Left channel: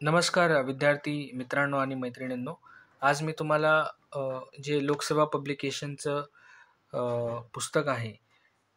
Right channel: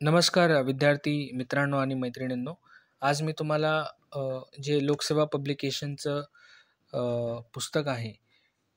नमस्कार विद्यार्थी मित्रांनो आणि मैत्रिणींनो. आज मी तुम्हाला जे लोकसेवा पब्लिकेशनचं पुस्तक आहे,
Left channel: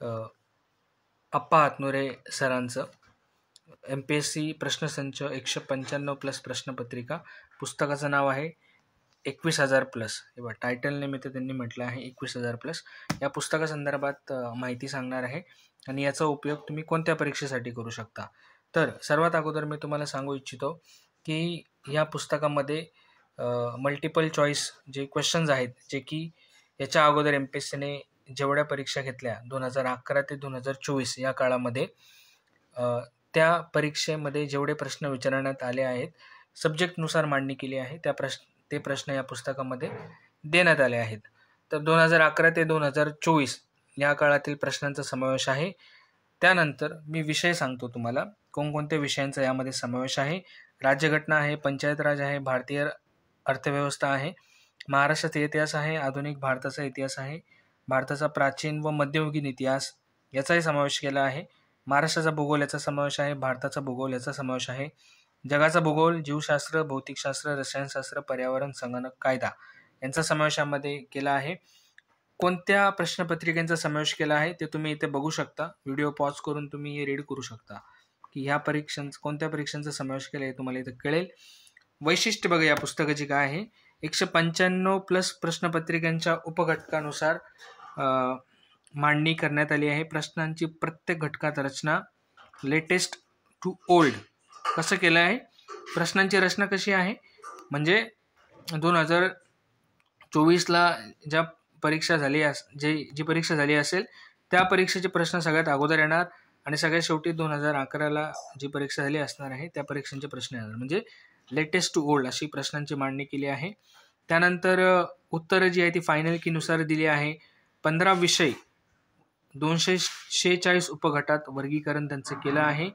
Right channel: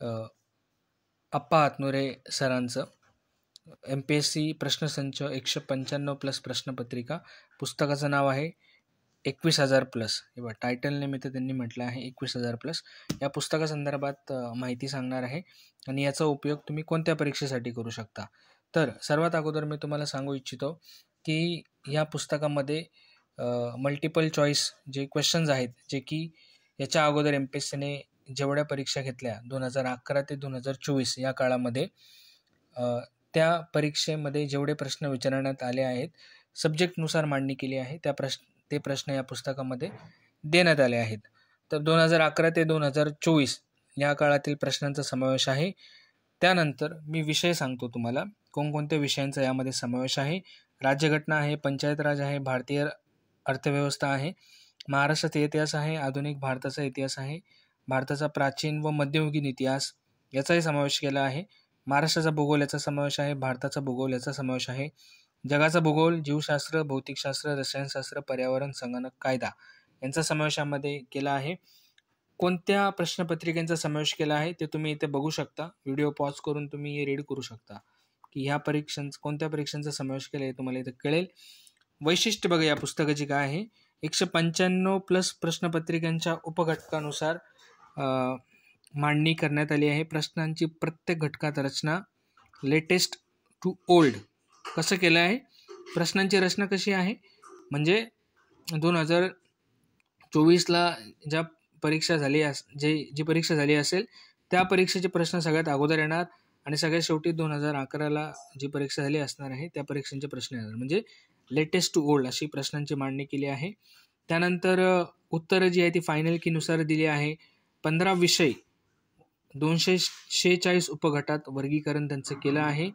अ, अप्पा हातनुरे सरांचं MPSC प्रश्नसंच 195 प्लस प्रश्नपत्रिका. पुस्तकाचं नाव आहे 21,000 प्लस. किंवा टायटल निमित्त त्यांनी म्हटलं आहे 21,000 प्लस. या पुस्तकासंदर्भात माहिती सांगणार आहे आणि याचा उपयोग तुम्ही कोणत्या परीक्षेसाठी करू शकता. तर सर्वात अगोदर मी तुम्हाला सांगू इच्छितो की या पुस्तकामध्ये मल्टिपल चॉईस जे क्वेश्चन्स आहेत, जे की याच्या अगोदर MPSCने जेवढ्या परीक्षा घेतल्या 2011 ते 2024 या काळामध्ये, त्या परीक्षेमध्ये जेवढे प्रश्न विचारण्यात आले आहेत, सब्जेक्टनुसार मांडणी केली आहे, ते प्रश्न या पुस्तकामध्ये देण्यात आले आहेत. तर 2011 ते 2024 या काळातील प्रश्नांचा समावेश आहे. त्यानंतर मी विषय सांगतो तुम्हाला, कोणकोणत्या विषयांचा यामध्ये समावेश आहे. राज्यघटना आहे, पंचायत राज आहे, भारतीय अर्थव्यवस्था आहे, महाराष्ट्राचा इतिहास आहे, आधुनिक भारताचा इतिहास आहे, भारताचा प्राचीन व मध्ययुगीन इतिहास याचाही समावेश केला आहे, महाराष्ट्राचा भूगोल याचा समावेश आहे, भारताचा भूगोल याचा समावेश आहे, जगाचा भूगोल, जीवशास्त्र, भौतिकशास्त्र, रसायनशास्त्र, पर्यावरण, संगणक, कायदा यांचा समावेश यामध्ये केला आहे. कोणत्या प्रश्नपत्रिकांचा समावेश केला आहे ते तुम्ही इथे बघू शकता. व्हिडिओ पॉज करून तुम्ही हे रीड करू शकता की ह्या कोणत्या परीक्षांचा समावेश केला आहे तुम्हाला इथे कळेल. वैशिष्ट्य बघा या पुस्तकाची काय आहे. 195 प्लस प्रश्नपत्रिकांच्या उपघटकानुसार मांडणी करण्यात आली आहे. प्रश्नांची प्रत्येक घटकात रचना लेटेस्ट टू ओल्ड कसं केलं आहे. प्रश्नांची रचना कशी आहे म्हणजे 2024ला ज्या परीक्षा झाली जी परीक्षा झाली असेल त्या परीक्षेचे प्रश्न सगळ्यात अगोदर येणार आणि सगळ्यात शेवटी 2011ला जी परीक्षा झाली असणार आहे त्या परीक्षांचे प्रश्न येणार. म्हणजे लेटेस्ट टू ओल्ड अशी प्रश्नांची मांडणी केली आहे. त्यानंतर उत्तरं जी आहे ती फायनल कीनुसार दिली आहे. 15 विषय 246 उपगटात वर्गीकरण त्यांचं केलं आहे.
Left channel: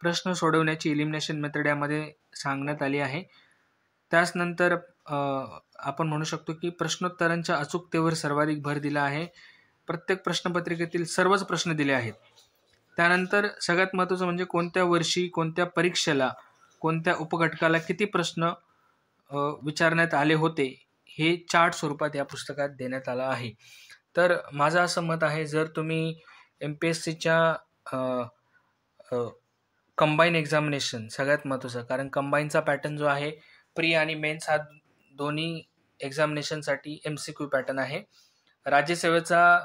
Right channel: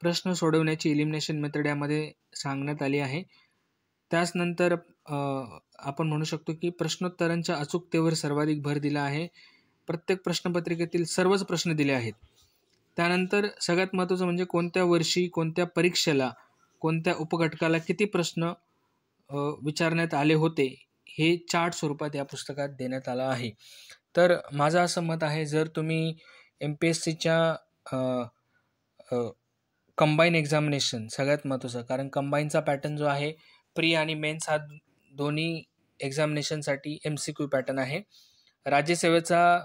प्रश्न सोडवण्याची इलिमिनेशन मेथड यामध्ये सांगण्यात आली आहे. त्याचनंतर आपण म्हणू शकतो की प्रश्नोत्तरांच्या अचूकतेवर सर्वाधिक भर दिला आहे. प्रत्येक प्रश्नपत्रिकेतील सर्वच प्रश्न दिले आहेत. त्यानंतर सगळ्यात महत्त्वाचं म्हणजे कोणत्या वर्षी कोणत्या परीक्षेला कोणत्या उपघटकाला किती प्रश्न विचारण्यात आले होते हे चार्ट स्वरूपात या पुस्तकात देण्यात आलं आहे. तर माझं असं मत आहे, जर तुम्ही MPSCच्या कंबाईन एक्झामिनेशन सगळ्यात महत्त्वाचं, कारण कंबाईनचा पॅटर्न जो आहे प्री आणि मेन्स हा दोन्ही एक्झामिनेशनसाठी MCQ पॅटर्न आहे. राज्यसेवेचा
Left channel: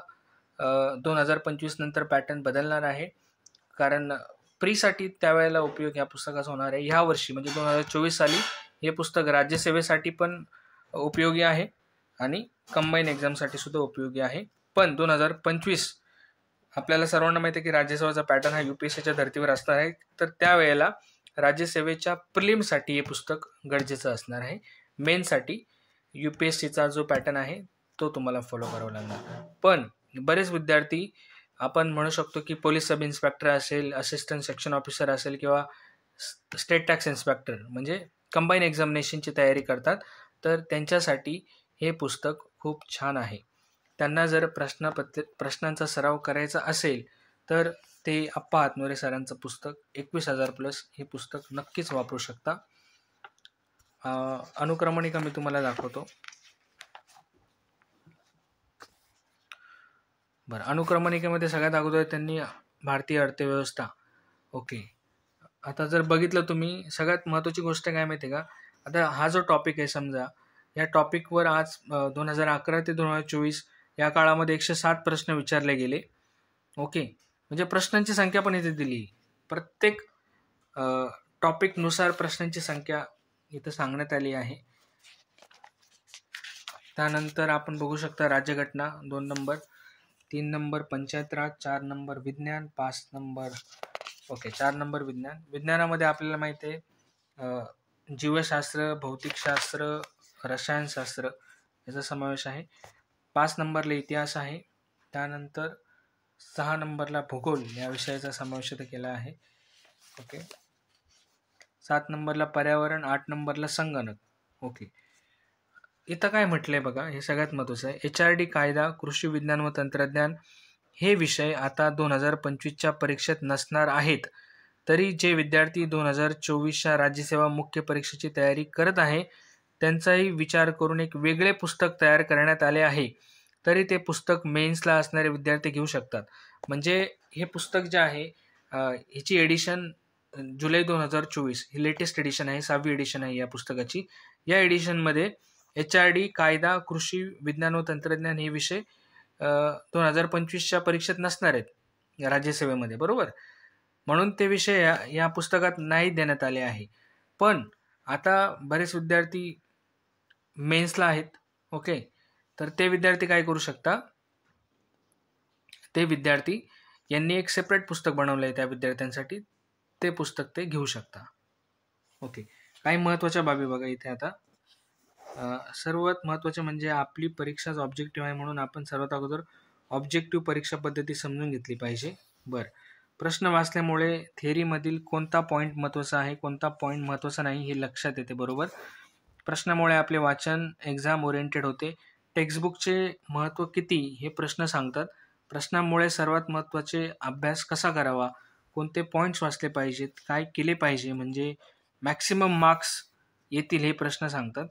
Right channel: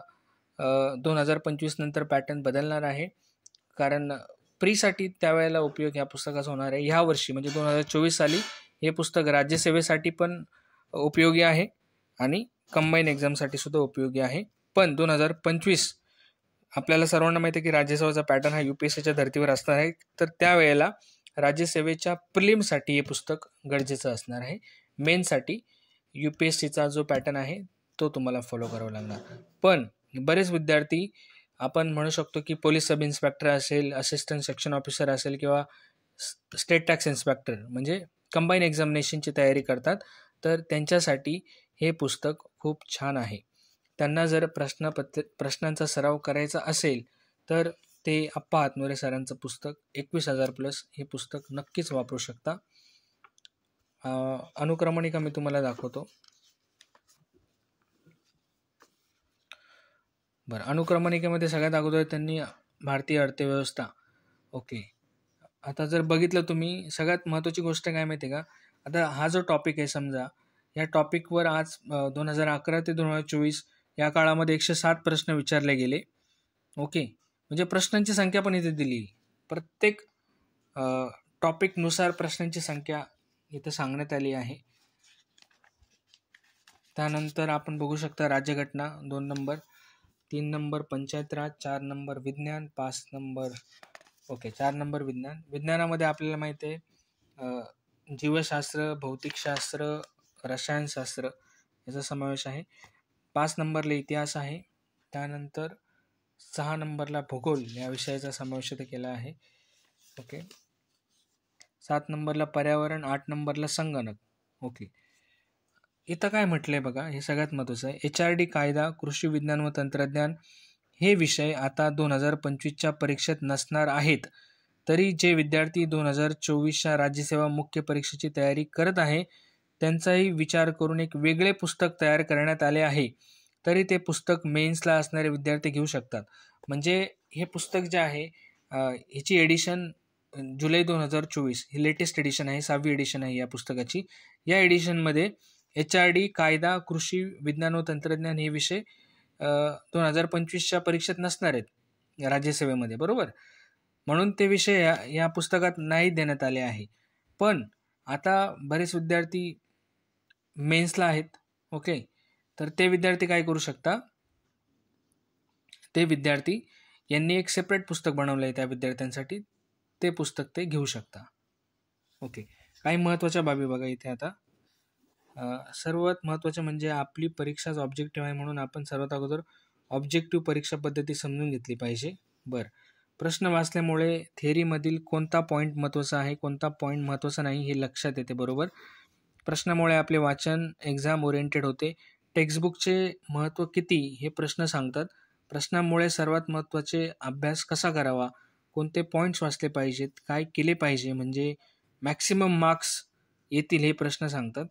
2025 नंतर पॅटर्न बदलणार आहे, कारण प्रीसाठी त्यावेळेला उपयोग या पुस्तकाचा होणार आहे. ह्या वर्षी म्हणजे 2024 साली हे पुस्तक राज्यसेवेसाठी पण उपयोगी आहे आणि कंबाईन एक्झामसाठी सुद्धा उपयोगी आहे. पण 2025 आपल्याला सर्वांना माहिती आहे की राज्यसेवेचा पॅटर्न हा UPSCच्या धर्तीवर असणार आहे. तर त्यावेळेला राज्यसेवेच्या प्रिलिमसाठी हे पुस्तक गरजेचं असणार आहे. मेनसाठी UPSCचा जो पॅटर्न आहे तो तुम्हाला फॉलो करावा लागणार. पण बरेच विद्यार्थी आपण म्हणू शकतो की पोलीस सब इन्स्पेक्टर असेल, असिस्टंट सेक्शन ऑफिसर असेल किंवा स्टेट टॅक्स इन्स्पेक्टर म्हणजे कंबाईन एक्झामिनेशनची तयारी करतात. तर त्यांच्यासाठी हे पुस्तक खूप छान आहे. त्यांना जर प्रश्नांचा सराव करायचा असेल तर ते अप्पा हातनुरे सरांचं पुस्तक 21,000 प्लस हे पुस्तक नक्कीच वापरू शकता. अनुक्रमणिका मी तुम्हाला दाखवतो. बरं, अनुक्रमणिकेमध्ये सगळ्यात अगोदर त्यांनी भारतीय अर्थव्यवस्था. ओके, आता जर बघितलं तुम्ही, सगळ्यात महत्त्वाची गोष्ट काय माहिती आहे का, आता हा जो टॉपिक आहे समजा, या टॉपिकवर आज 2011 ते 2024 या काळामध्ये 107 प्रश्न विचारले गेले. ओके, म्हणजे प्रश्नांची संख्या पण इथे दिली. प्रत्येक टॉपिकनुसार प्रश्नांची संख्या इथे सांगण्यात आली आहे. त्यानंतर आपण बघू शकता राज्यघटना 2 नंबर, 3 नंबर पंचायत राज, 4 नंबर विज्ञान, 5 नंबर 4 नंबर विज्ञान. विज्ञानामध्ये आपल्याला माहिती आहे जीवशास्त्र, भौतिकशास्त्र, रसायनशास्त्र याचा समावेश आहे. 5 नंबरला इतिहास आहे. त्यानंतर 6 नंबरला भूगोल या विषयाचा समावेश केला आहे. ओके, 7 नंबरला पर्यावरण, 8 नंबरला संगणक. ओके, इथं काय म्हटलंय बघा, हे सगळ्यात महत्त्वाचं आहे. HRD कायदा, कृषी विज्ञान व तंत्रज्ञान हे विषय आता 2025च्या परीक्षेत नसणार आहेत. तरी जे विद्यार्थी 2024च्या राज्यसेवा मुख्य परीक्षेची तयारी करत आहे त्यांचाही विचार करून एक वेगळे पुस्तक तयार करण्यात आले आहे. तरी ते पुस्तक मेन्सला असणारे विद्यार्थी घेऊ शकतात. म्हणजे हे पुस्तक जे आहे ह्याची एडिशन जुलै 2024 ही लेटेस्ट एडिशन आहे, 6वी एडिशन आहे या पुस्तकाची. या एडिशनमध्ये HRD, कायदा, कृषी, विज्ञान व तंत्रज्ञान हे विषय 2025च्या परीक्षेत नसणार आहेत राज्यसेवेमध्ये, बरोबर. म्हणून ते विषय या पुस्तकात नाही देण्यात आले आहे. पण आता बरेच विद्यार्थी मेन्सला आहेत, ओके. तर ते विद्यार्थी काय करू शकता, ते विद्यार्थी यांनी एक सेपरेट पुस्तक बनवलं आहे त्या विद्यार्थ्यांसाठी, ते पुस्तक ते घेऊ शकता, ओके. काही महत्त्वाच्या बाबी बघा इथे आता. सर्वात महत्त्वाचे म्हणजे आपली परीक्षाच ऑब्जेक्टिव्ह आहे, म्हणून आपण सर्वात अगोदर ऑब्जेक्टिव्ह परीक्षा पद्धती समजून घेतली पाहिजे. बरं, प्रश्न वाचल्यामुळे थेअरीमधील कोणता पॉईंट महत्त्वाचा आहे, कोणता पॉईंट महत्त्वाचा नाही हे लक्षात येते, बरोबर. प्रश्नामुळे आपले वाचन एक्झाम ओरिएंटेड होते. टेक्स्टबुकचे महत्त्व किती हे प्रश्न सांगतात. प्रश्नामुळे सर्वात महत्त्वाचे अभ्यास कसा करावा, कोणते पॉईंट्स वाचले पाहिजेत, काय केले पाहिजे म्हणजे मॅक्सिमम मार्क्स येतील हे प्रश्न सांगतात.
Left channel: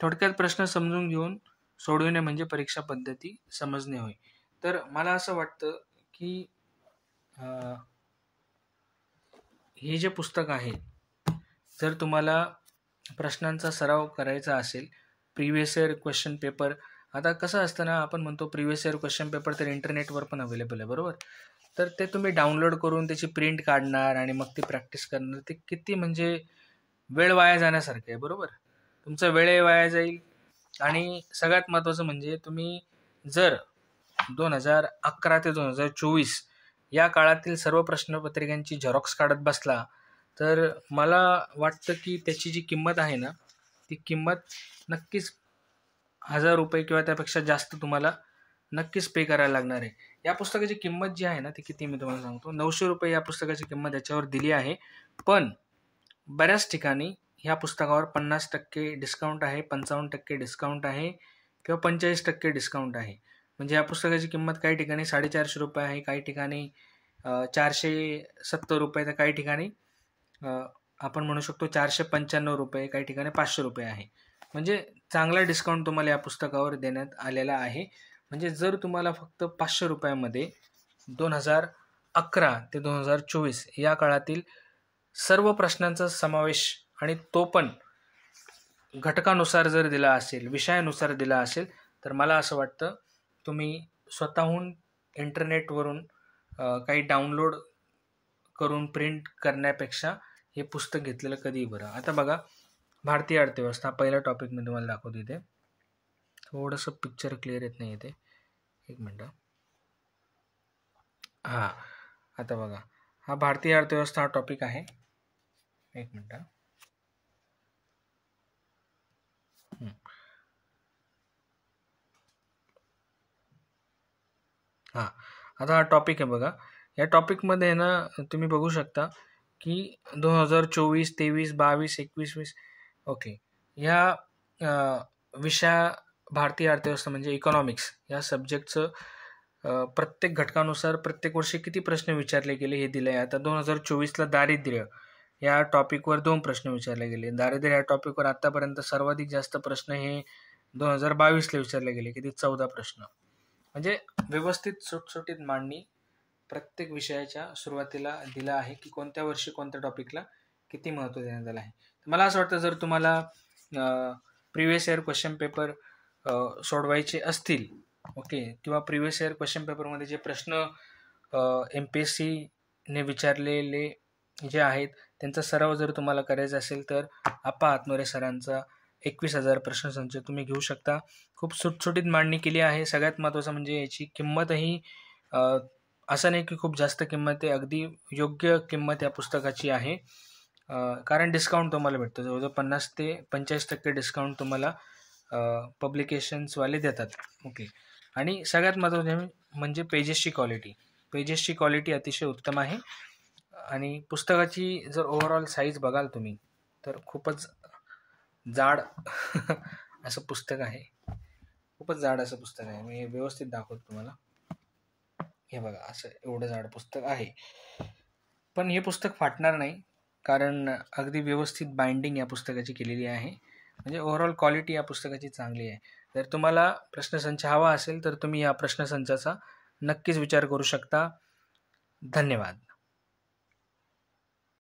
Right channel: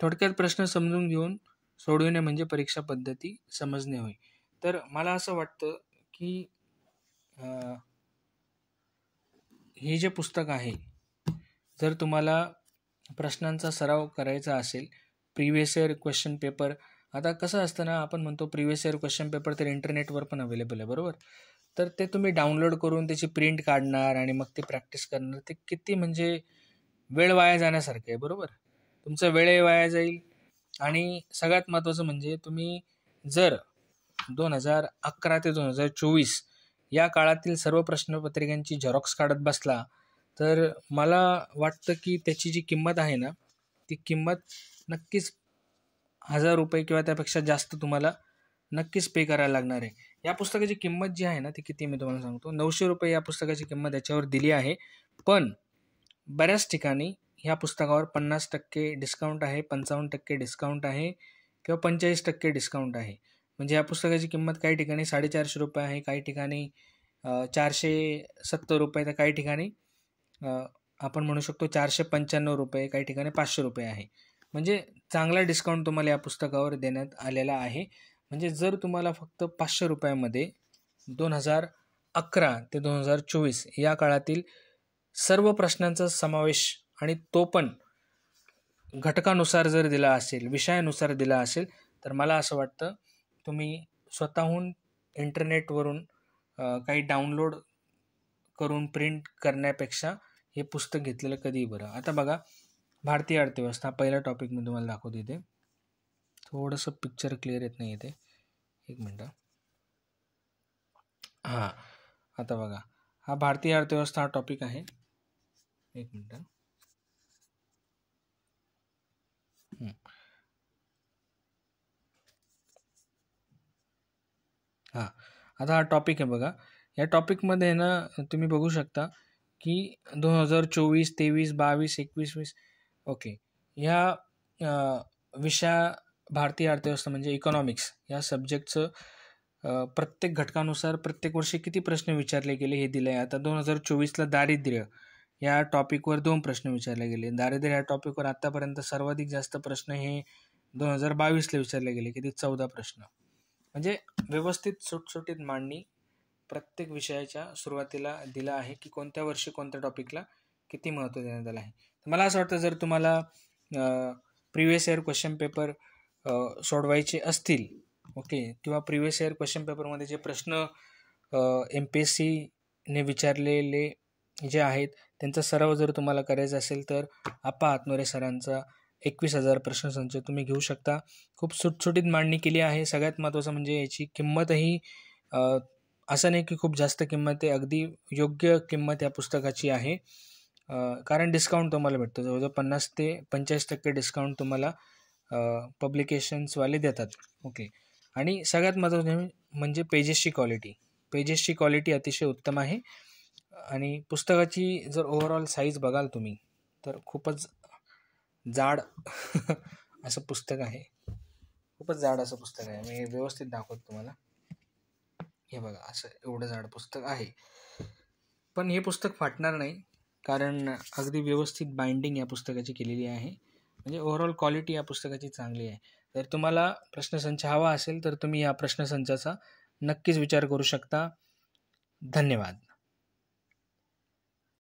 थोडक्यात प्रश्न समजून घेऊन सोडविणे म्हणजे परीक्षा पद्धती समजणे होय. तर मला असं वाटतं की हे जे पुस्तक आहे, जर तुम्हाला प्रश्नांचा सराव करायचा असेल, प्रिव्हियस इयर क्वेश्चन पेपर, आता कसं असतं ना, आपण म्हणतो प्रिव्हियस इयर क्वेश्चन पेपर तर इंटरनेटवर पण अवेलेबल आहे, बरोबर. तर ते तुम्ही डाउनलोड करून त्याची प्रिंट काढणार आणि मग ती प्रॅक्टिस करणार, ते किती म्हणजे वेळ वाया जाण्यासारखं आहे, बरोबर. तुमचा वेळ वाया जाईल. आणि सगळ्यात महत्त्वाचं म्हणजे तुम्ही जर 2011 ते 2024 या काळातील सर्व प्रश्नपत्रिकांची झेरॉक्स काढत बसला तर मला वाटतं की त्याची जी किंमत आहे ना, ती किंमत नक्कीच 1000 रुपये किंवा त्यापेक्षा जास्त तुम्हाला नक्कीच पे करायला लागणार आहे. या पुस्तकाची किंमत जी आहे ना, ती किती मी तुम्हाला सांगतो. 900 रुपये या पुस्तकाची किंमत याच्यावर दिली आहे. पण बऱ्याच ठिकाणी ह्या पुस्तकावर 50% डिस्काउंट आहे, 55% डिस्काउंट आहे किंवा 45% डिस्काउंट आहे. म्हणजे या पुस्तकाची किंमत काही ठिकाणी 450 रुपये आहे, काही ठिकाणी 470 रुपये, तर काही ठिकाणी आपण म्हणू शकतो 495 रुपये, काही ठिकाणी 500 रुपये आहे. म्हणजे चांगला डिस्काउंट तुम्हाला या पुस्तकावर देण्यात आलेला आहे. म्हणजे जर तुम्हाला फक्त 500 रुपयामध्ये 2011 ते 2024 या काळातील सर्व प्रश्नांचा समावेश आणि तो पण घटकानुसार जर दिला असेल, विषयानुसार दिला असेल, तर मला असं वाटतं तुम्ही स्वतःहून इंटरनेटवरून काही डाउनलोड करून प्रिंट करण्यापेक्षा हे पुस्तक घेतलेलं कधीही बरं. आता बघा, भारतीय अर्थव्यवस्था पहिला टॉपिक मी तुम्हाला दाखवतो. इथे थोडंसं पिक्चर क्लिअर येत नाही इथे, एक मिनटं. हां, आता बघा, हा भारतीय अर्थव्यवस्था हा टॉपिक आहे. एक मिनटं. हां, आता हा टॉपिक आहे बघा. या टॉपिकमध्ये ना तुम्ही बघू शकता की 2024, 23, 22, 21, 20, ओके, ह्या विषया भारतीय अर्थव्यवस्था म्हणजे इकॉनॉमिक्स या सब्जेक्टचं प्रत्येक घटकानुसार प्रत्येक वर्षी किती प्रश्न विचारले गेले हे दिले आहे. आता 2024ला दारिद्र्य या टॉपिकवर 2 प्रश्न विचारले गेले. दारिद्र्य या टॉपिकवर आत्तापर्यंत सर्वाधिक जास्त प्रश्न हे 2022ला विचारले गेले, किती 14 प्रश्न. म्हणजे व्यवस्थित सुटसुटीत मांडणी प्रत्येक विषयाच्या सुरुवातीला दिला आहे की कोणत्या वर्षी कोणत्या टॉपिकला किती महत्त्व देण्यात आलं आहे. मला असं वाटतं जर तुम्हाला प्रिव्हियस इयर क्वेश्चन पेपर सोडवायचे असतील, ओके, किंवा प्रिव्हियस इयर क्वेश्चन पेपरमध्ये जे प्रश्न MPSCने विचारलेले जे आहेत त्यांचा सराव जर तुम्हाला करायचा असेल तर आप्पा हातनुरे सरांचा 21,000 प्रश्नसंच तुम्ही घेऊ शकता. खूप सुटसुटीत मांडणी केली आहे. सगळ्यात महत्त्वाचं म्हणजे याची किंमतही असं नाही की खूप जास्त किंमत आहे, अगदी योग्य किंमत या पुस्तकाची आहे. कारण डिस्काउंट तुम्हाला भेटतो, जवळजवळ 50 ते 45% डिस्काउंट तुम्हाला पब्लिकेशन्सवाले देतात, ओके. आणि सगळ्यात महत्त्वाचं म्हणजे पेजेसची क्वालिटी अतिशय उत्तम आहे. आणि पुस्तकाची जर ओव्हरऑल साईज बघाल तुम्ही तर खूपच जाड असं पुस्तक आहे, खूपच जाड असं पुस्तक आहे. मी व्यवस्थित दाखवतो तुम्हाला. हे बघा, असं एवढं जाड पुस्तक आहे. पण हे पुस्तक फाटणार नाही, कारण अगदी व्यवस्थित बाइंडिंग या पुस्तकाची केलेली आहे. म्हणजे ओव्हरऑल क्वालिटी या पुस्तकाची चांगली आहे. जर तुम्हाला प्रश्नसंच हवा असेल तर तुम्ही या प्रश्नसंचाचा नक्कीच विचार करू शकता. धन्यवाद.